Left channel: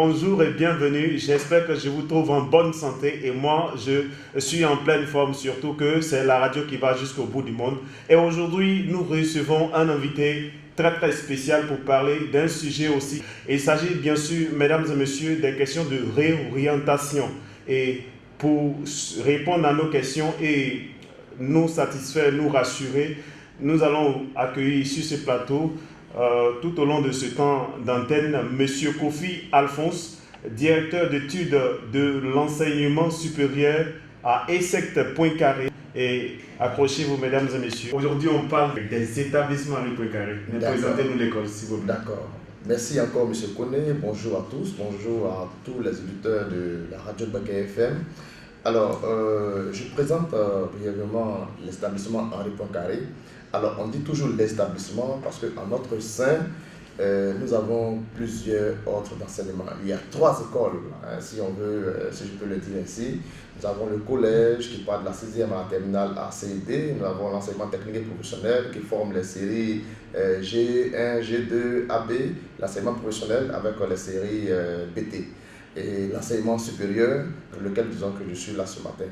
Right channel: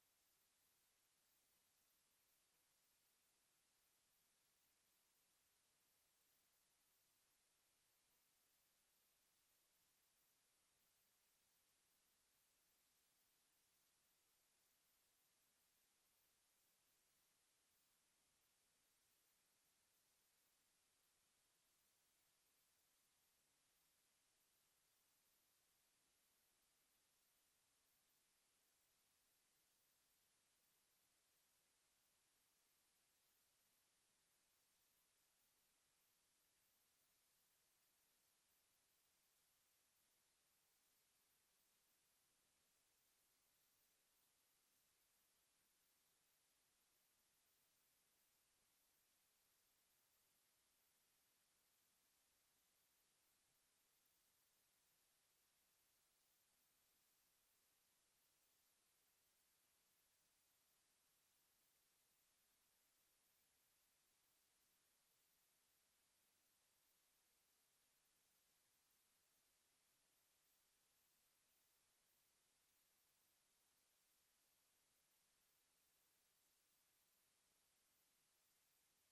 Bonjour et bienvenue, j'espère que je vous trouve en bonne santé et moi je suis en pleine forme, surtout que c'est la radio qui va jusqu'au bout du monde. Et aujourd'hui nous recevons un invité très spécial pour parler d'un sujet aussi. Il s'agit bien sûr, mesdames et messieurs, des questions de réorientation. Et pour répondre à nos questions et nous satisfaire, nous rassurer, nous allons accueillir sur ce plateau tout au long de ce temps d'antenne, M. Kofi Alphonse, directeur d'études de l'enseignement supérieur à ESSECT Poincaré. Et accrochez-vous, mesdames et messieurs. Aujourd'hui, on parle des établissements à Poincaré. Présentez-nous l'école, s'il vous plaît. D'accord. Merci encore, M. Koné. Bonjour à tous. Bonjour à tous les auditeurs de la radio de Baké FM. Alors, je présente brièvement l'établissement Henri Poincaré. Alors, on dit toujours l'établissement parce qu'en notre sein, nous avons plusieurs ordres d'enseignement. Il y a 3 écoles, hein, si on veut, si je peux le dire ainsi. Nous avons le collège qui part de la 6e à la terminale à CED. Nous avons l'enseignement technique et professionnel qui forme les séries G1, G2, AB, l'enseignement professionnel avec les séries BT. Et l'enseignement supérieur, pour lequel disons que je suis là ce matin.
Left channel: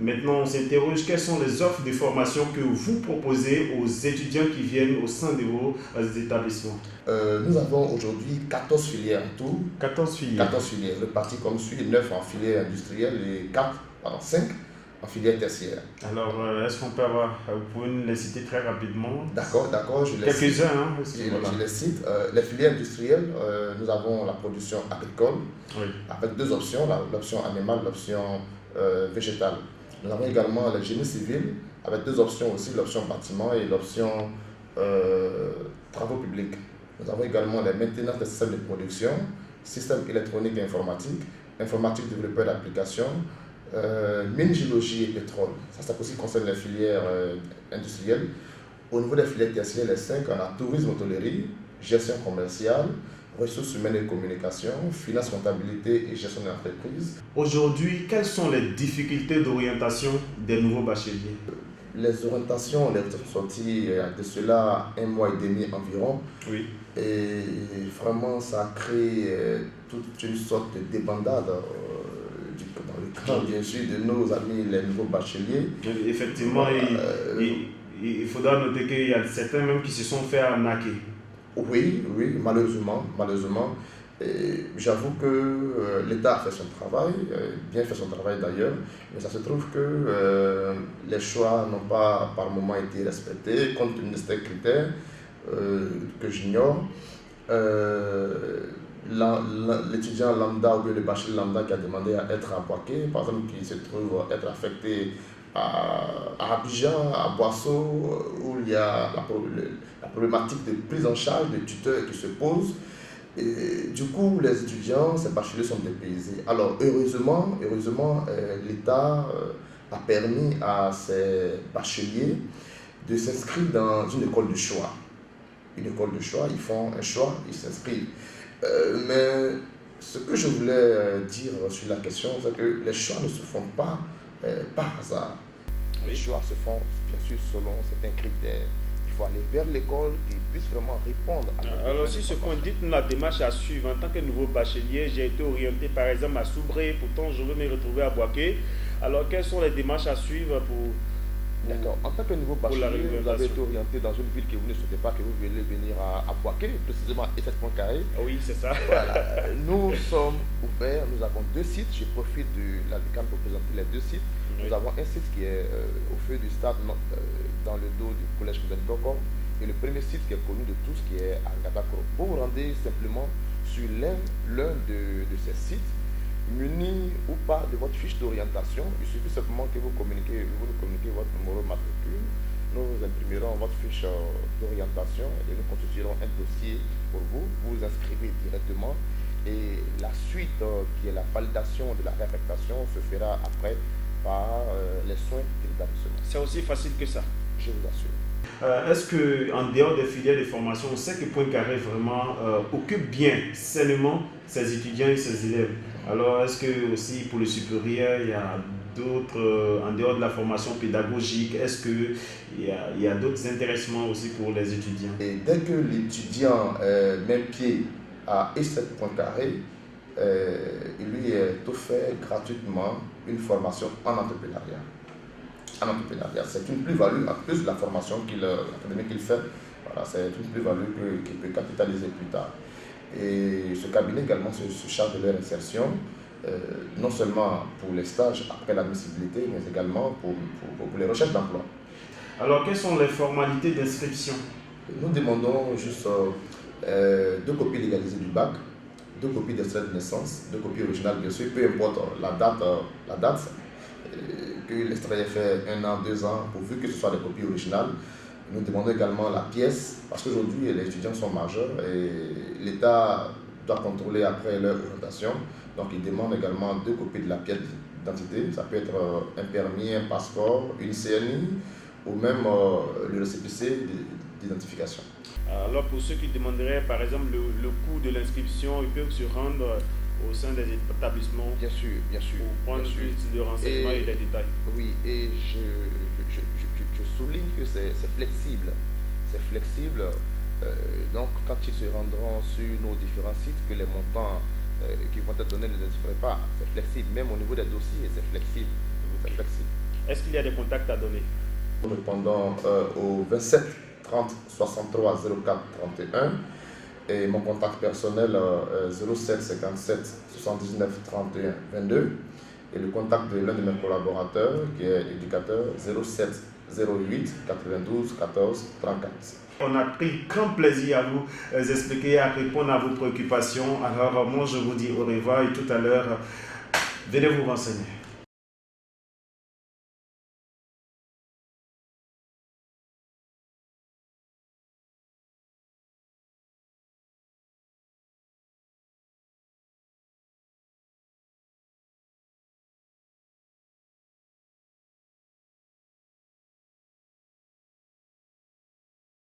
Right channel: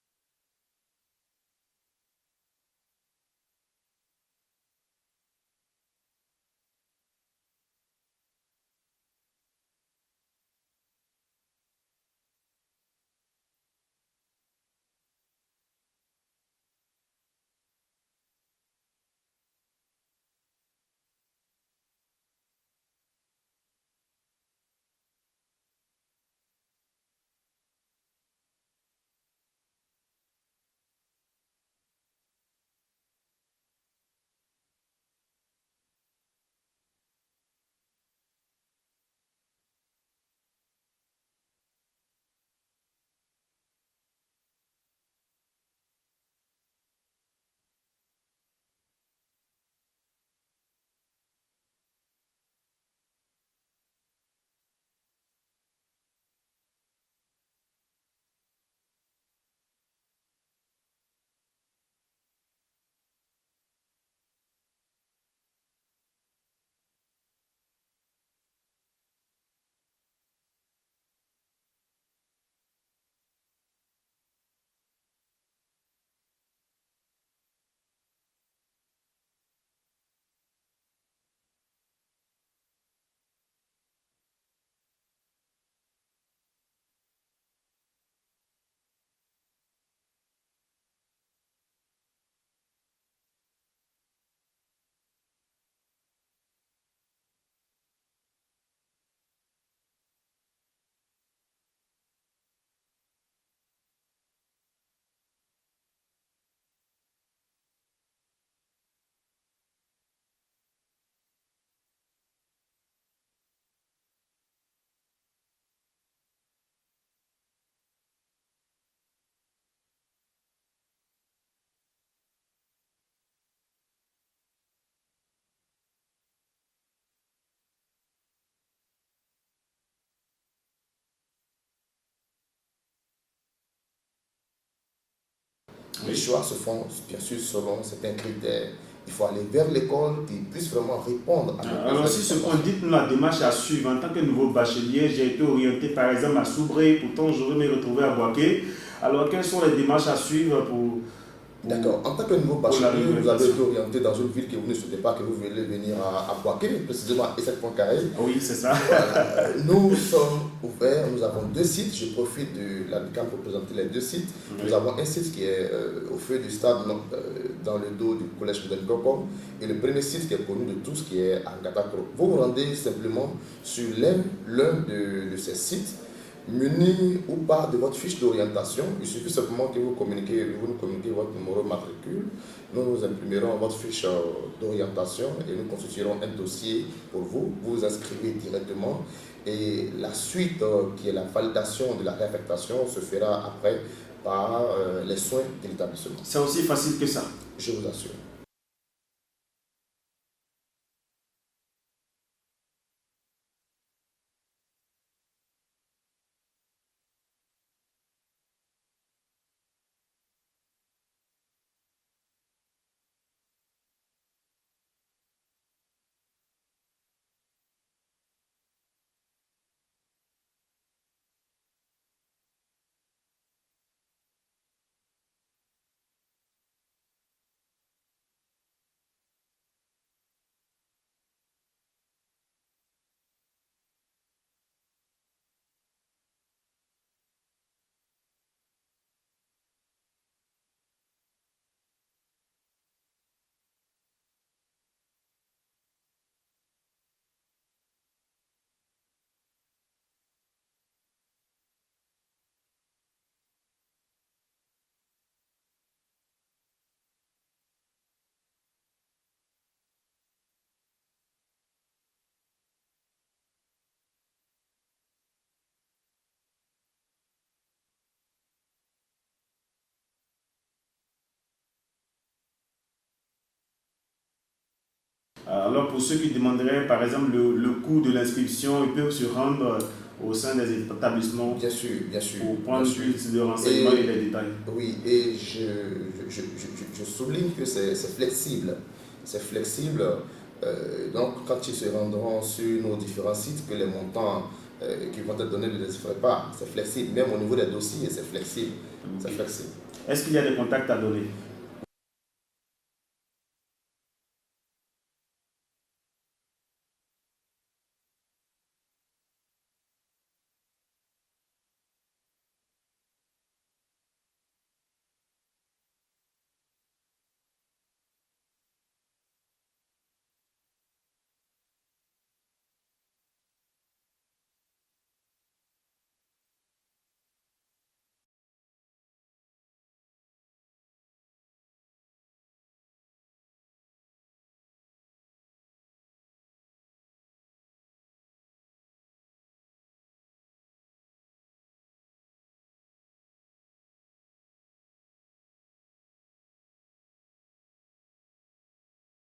Maintenant, on s'interroge, quelles sont les offres de formation que vous proposez aux étudiants qui viennent au sein de vos établissements? Nous avons aujourd'hui 14 filières en tout. 14 filières. 14 filières, reparties comme suit, 9 en filière industrielle et 5 en filière tertiaire. Alors, est-ce qu'on peut avoir, vous pouvez nous les citer très rapidement? D'accord, je les cite. Quelques-uns, hein? Je les cite. Les filières industrielles, nous avons la production agricole, oui, avec 2 options, l'option animale, l'option végétale. Nous avons également le génie civil, avec 2 options aussi, l'option bâtiment et l'option travaux publics. Nous avons également les maintenances des systèmes de production, systèmes électroniques et informatiques, informatique développeur d'applications, mine, géologie et pétrole. Ça aussi concerne les filières industrielles. Au niveau des filières tertiaires, les 5, on a tourisme, hôtellerie, gestion commerciale, ressources humaines et communication, finance, comptabilité et gestion d'entreprise. Aujourd'hui, quelles sont les difficultés d'orientation des nouveaux bacheliers? Les orientations, les sont sorties de cela 1 mois et demi environ. Oui. Et vraiment, ça a créé toute une sorte de débandade dans le camp, bien sûr, de nos amis, les nouveaux bacheliers. Effectivement, il faudra noter qu'il y a certains même qui se sont fait arnaquer. Oui, malheureusement. J'avoue que l'État a fait son travail, bien fait son travail d'ailleurs, mais ça se trouve que les choix n'ont pas par moment été respectés, compte tenu de ces critères que j'ignore. L'étudiant lambda ou le bachelier lambda qui a demandé à être à Boaké, par exemple, qui se trouve être affecté à Abidjan, à Boisseau, où il y a la problématique de prise en charge des tuteurs qui se pose. Et du coup, les étudiants, ces bacheliers sont dépaysés. Alors, heureusement l'État a permis à ces bacheliers de s'inscrire dans une école de choix. Une école de choix, ils font un choix, ils s'inscrivent. Mais ce que je voulais dire sur la question, c'est que les choix ne se font pas par hasard. Les choix se font bien sûr selon certains critères. Il faut aller vers l'école qui puisse vraiment répondre à nos Alors, si ce qu'on dit, la démarche à suivre, en tant que nouveau bachelier, j'ai été orienté par exemple à Soubré, pourtant je veux me retrouver à Boaké. Alors, quelles sont les démarches à suivre pour D'accord. En tant que nouveau bachelier, vous avez été orienté dans une ville que vous ne souhaitez pas que vous voulez venir à Boaké, précisément à ESSECT Poincaré. Oui, c'est ça. Voilà. Nous sommes ouverts, nous avons 2 sites. Je profite de l'AMICAM pour présenter les 2 sites. Oui. Nous avons un site qui est au feu du stade, dans le dos du collège de Nkoko, et le premier site qui est connu de tous, qui est à Ngatakro. Vous vous rendez simplement sur l'un de ces sites, muni ou pas de votre fiche d'orientation. Il suffit simplement que vous nous communiquez votre numéro de matricule. Nous imprimerons votre fiche d'orientation et nous constituerons un dossier pour vous. Vous vous inscrivez directement et la suite qui est la validation de la réaffectation se fera après par les soins de l'établissement. C'est aussi facile que ça? Je vous assure. Est-ce qu'en dehors des filières de formation, on sait que Poincaré vraiment occupe bien, sainement ses étudiants et ses élèves? Alors, est-ce que aussi pour le supérieur, il y a d'autres, en dehors de la formation pédagogique, est-ce qu'il y a d'autres intéressements aussi pour les étudiants? Et dès que l'étudiant met pied à ESSECT Poincaré, il lui est offert gratuitement une formation en entrepreneuriat. C'est une plus-value, en plus de la formation académique qu'il fait, voilà, c'est une plus-value qu'il peut capitaliser plus tard. Et ce cabinet également se charge de leur insertion, non seulement pour les stages après l'admissibilité, mais également pour les recherches d'emploi. Alors, quelles sont les formalités d'inscription? Nous demandons juste 2 copies légalisées du bac, 2 copies d'extrait de naissance, 2 copies originales bien sûr, peu importe la date que l'extrait ait fait 1 an, 2 ans, pourvu que ce soit des copies originales. Nous demandons également la pièce, parce qu'aujourd'hui les étudiants sont majeurs et l'État doit contrôler après leur orientation. Donc il demande également 2 copies de la pièce d'identité. Ça peut être un permis, un passeport, une CNI ou même le récépissé d'identification. Alors pour ceux qui demanderaient par exemple le coût de l'inscription, ils peuvent se rendre au sein des établissements. Bien sûr. Pour prendre plus de renseignements et des détails. Oui, et je souligne que c'est flexible. C'est flexible. Donc quand ils se rendront sur nos différents sites, que les montants qui vont être donnés ne les feraient pas. C'est flexible. Même au niveau des dossiers, c'est flexible. C'est flexible. Est-ce qu'il y a des contacts à donner? Nous répondons au 27 30 63 04 31 et mon contact personnel 07 57 79 31 22 et le contact de l'un de mes collaborateurs qui est éducateur 07 08 92 14 34. On a pris grand plaisir à vous expliquer, à répondre à vos préoccupations. Alors moi je vous dis au revoir et tout à l'heure, venez vous renseigner.